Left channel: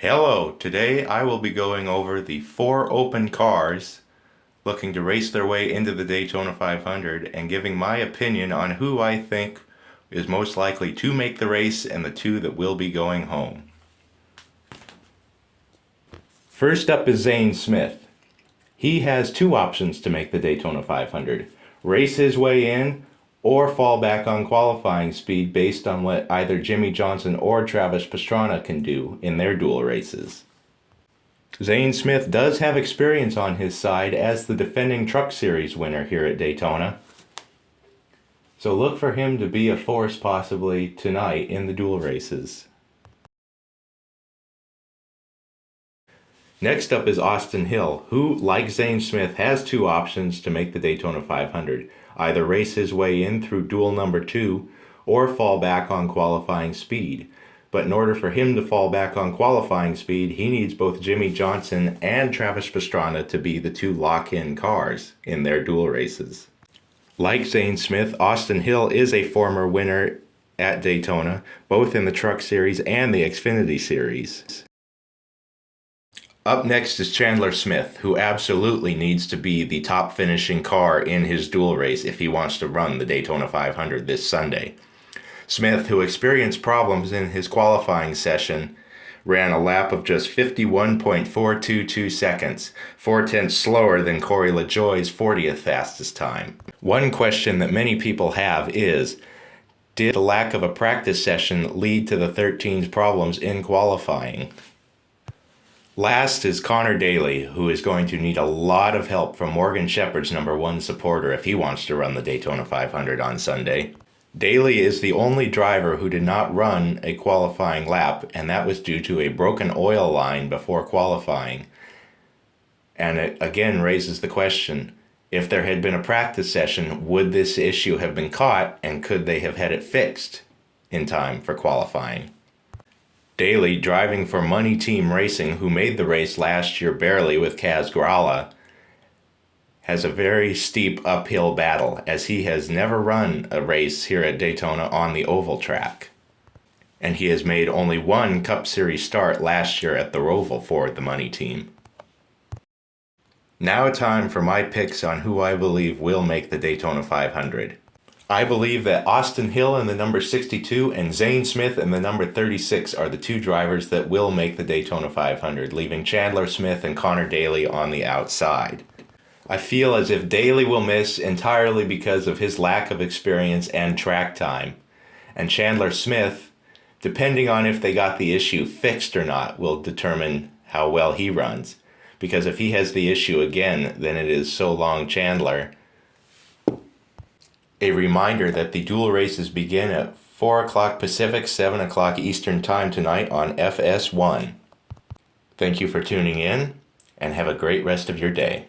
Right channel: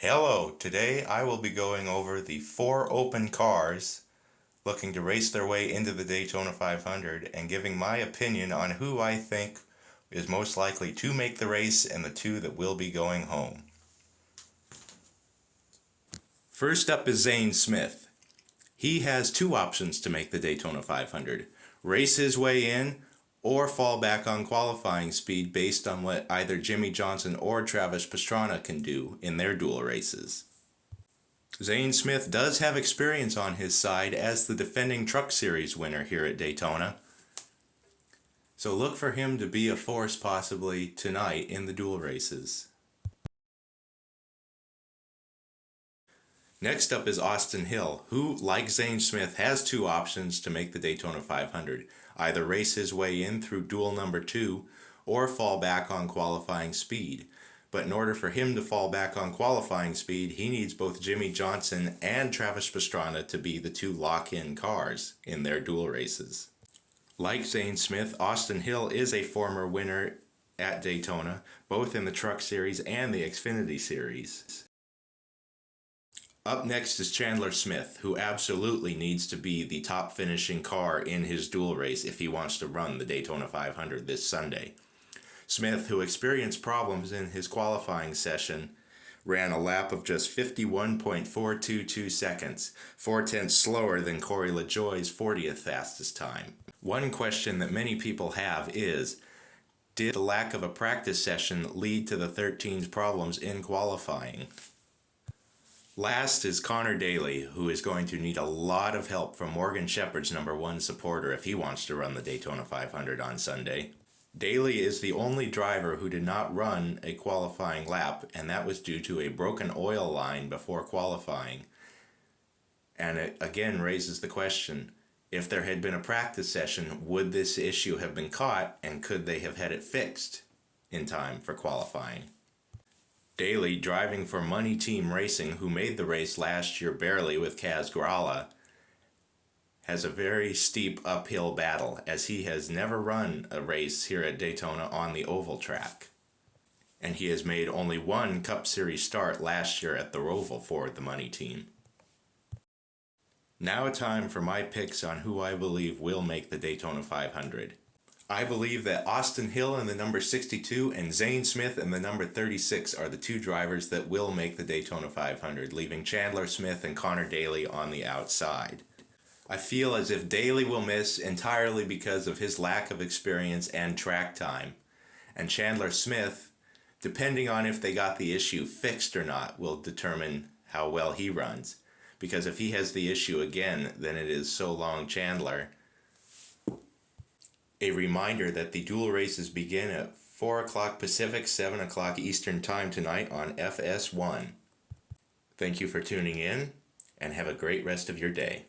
Hello, today I will be going over the 4 open cars looking to race their way into the Daytona 500 and giving my opinion on who I think is most likely to make the race and the 2 that will be going home. First up is Zane Smith. He has 2 options to make the Daytona 500. Race his way in or fall back on qualifying speed based on what either Jimmie Johnson or Travis Pastrana can do in their dual races. Zane Smith does have experience on his side as the defending Truck Series winner here at Daytona, so look for him to be a force possibly tonight in the dual races. Next up is Austin Hill, who, like Zane Smith, has 2 options to make the Daytona 500. Either race his way in through duel number 2 or fall back on qualifying speed. But in order for him to fall back on qualifying speed, he needs both Jimmie Johnson and Travis Pastrana to be the 2 lock-in cars in their dual races. Like Zane Smith, Austin Hill is a former winner at Daytona, both in the Truck Series and the Xfinity Series. Up next is Chandler Smith, who absolutely needs to be the top finishing car in his dual race if he wants to run the Daytona 500 this Sunday. Smith, who experienced problems in his qualifying session, ran a lap of just 51.422 seconds, 4/10 slower than Corey LaJoie's 40th fastest time. One question that many people have is, did the lack of a practice session lead to the 13's problems in qualifying? Last is Connor Daly, who is going to need a lot of help from Morgan Shepherd's #1 supporter if he wants to run the Daytona 500 on Sunday. Daly is the only driver who did not run a qualifying lap, and that was due to a broken oil line before qualifying. And it again raises the question, if there had been a practice session, would this issue have been caught, and could they have had it fixed in time for qualifying? Daly, driving for Money Team Racing, who made the race last year barely with Kaz Grala, has a very steep uphill battle, as he has never run a race here at Daytona on the oval track. And he has made only 1 Cup Series start last year at the Roval for the Money Team. Now time for my picks on who I believe will make the Daytona 500. I believe that Austin Hill in the number 62 and Zane Smith in the number 36 are the 2 drivers that will make the Daytona 500, leaving Chandler Smith and Connor Daly on the outside. I feel as if Daly will miss entirely because of his lack of experience and track time. And Chandler Smith, depending on if they got the issue fixed or not, will determine how well he runs. Because if he has the issue again, then it is so long Chandler. A reminder that the dual races begin at 4 o'clock Pacific, 7 o'clock Eastern Time tonight on FS1. Thank you for tuning in, and have a great rest of your day.